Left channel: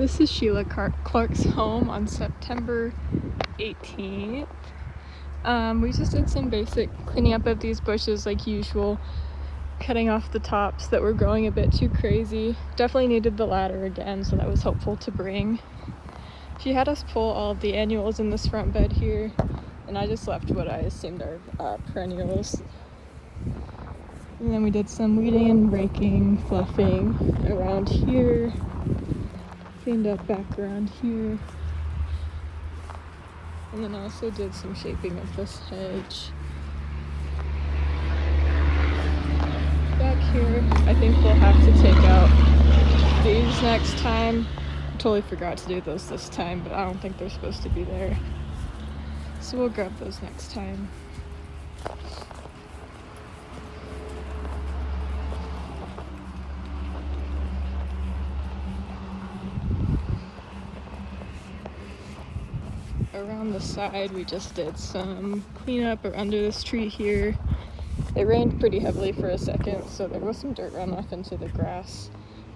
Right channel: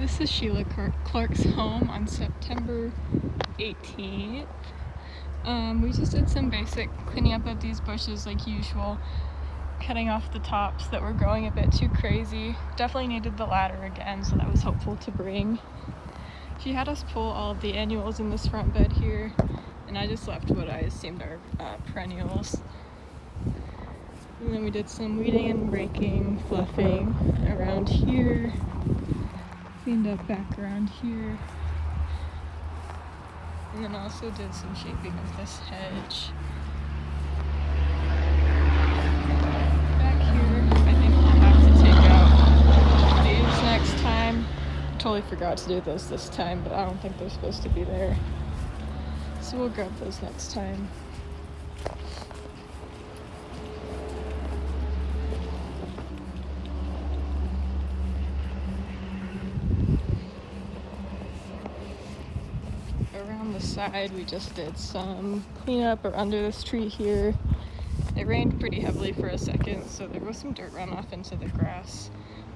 This is Sheila Clark's home on September 18th. We just did some basic cleaning up of these bushes like usual, cutting off the tops that were growing a bit too crazy. Definitely needed the ladder again, so that was helpful to bring. She had us pull all of the annuals in this front bed here, and I just left what I assumed are perennials. And then we did some weeding and raking, fluffing around here. Cleaned up back around here, and then also did some shaping of this hedge. Back here, I think we'll have to take out these next time. I totally forgot to do those this time, but I don't think they're supposed to be there. So we'll grab those next time. Around the side, we just did some cleanup under this tree here. It rained pretty heavily for a second, so there was some dirt runoff into the grass.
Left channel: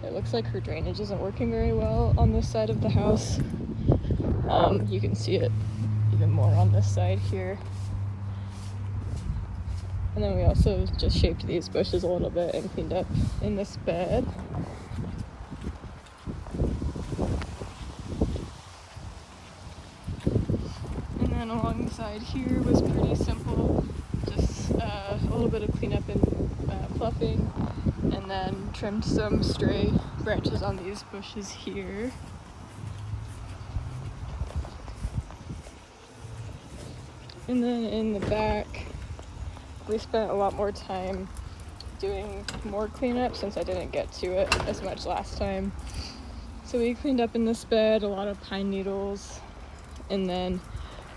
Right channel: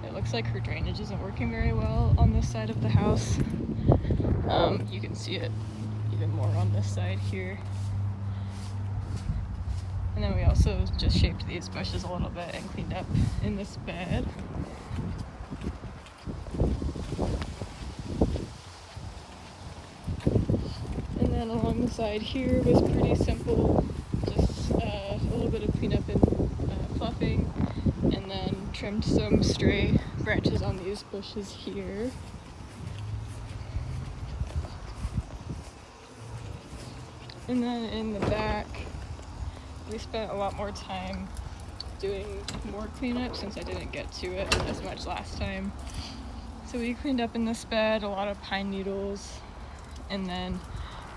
It looks like her drainage isn't working very well on this side of the house. You can see it even more on this side here. And then we also just shaped these bushes a little bit and cleaned up in this bed. And along the side here was pretty simple, just a little bit of cleanup and fluffing, and then trimmed some stray branches on these bushes here. And then in the back, we spent a lot more time doing more cleanup since I didn't get to it as much last time. So we cleaned up in this bed, a lot of pine needles, and then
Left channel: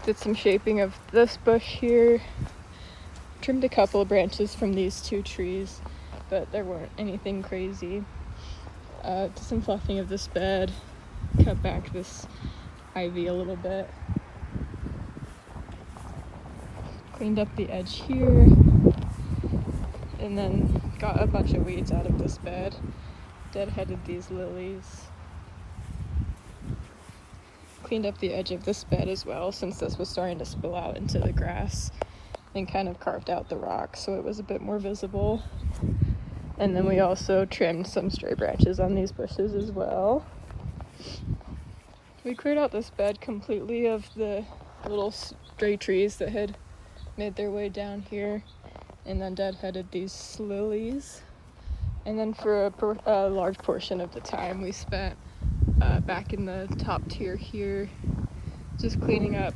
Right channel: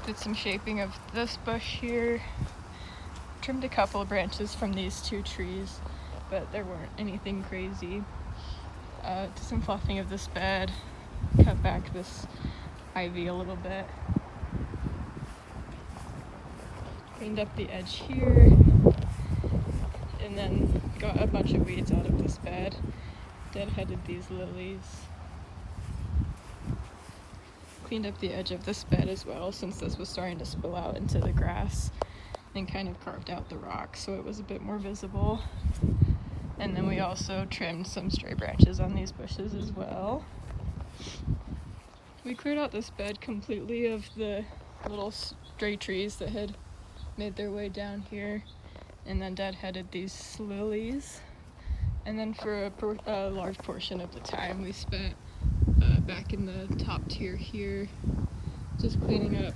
did some shaping of this bush here. Trimmed a couple of branches from these two trees, but there weren't anything crazy. Did some fluffing of this bed, cut back this ivy a little bit. Cleaned up the edge here, and then got a bunch of weeds out of this bed. Deadheaded these lilies. Cleaned up the edge of this bed as well, since this was starting to spill out into the grass, and kind of carved out the rock so it was a bit more visible. And then we also trimmed some stray branches on these bushes as well. We cleared out this bed completely of the little stray trees that had made their way down here, and then deadheaded these lilies. And then for a large portion of the time we spent back in the top tier here, just cleaning up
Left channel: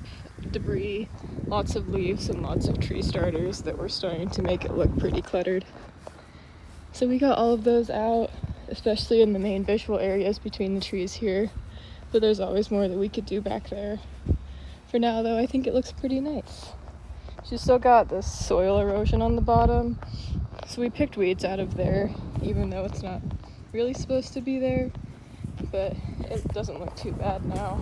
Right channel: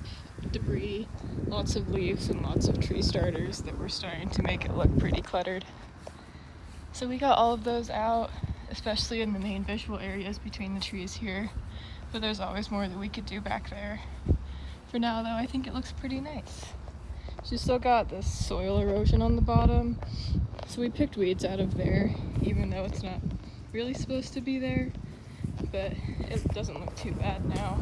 debris, lots of leaves and lots of tree starters that were starting to make it look pretty cluttered. So we got all of those out, especially in the main visual areas between the trees here, but there's always more that we could do back there. For now though, I think it looks pretty nice. She's still got this soil erosion on the bottom, so we picked weeds out of there, even though it's not really supposed to be there. But it doesn't look too bad now.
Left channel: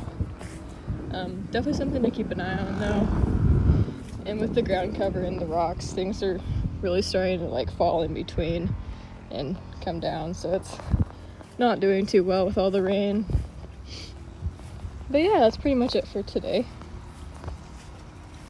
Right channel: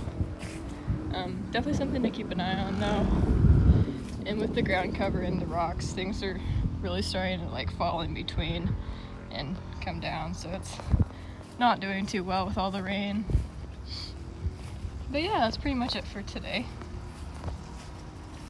Definitely something to keep an eye on though. And with the ground cover and the rocks, things are really starting to like fall in between and come down, so it's not doing too well with all the rain. But yeah, that's pretty much it for today.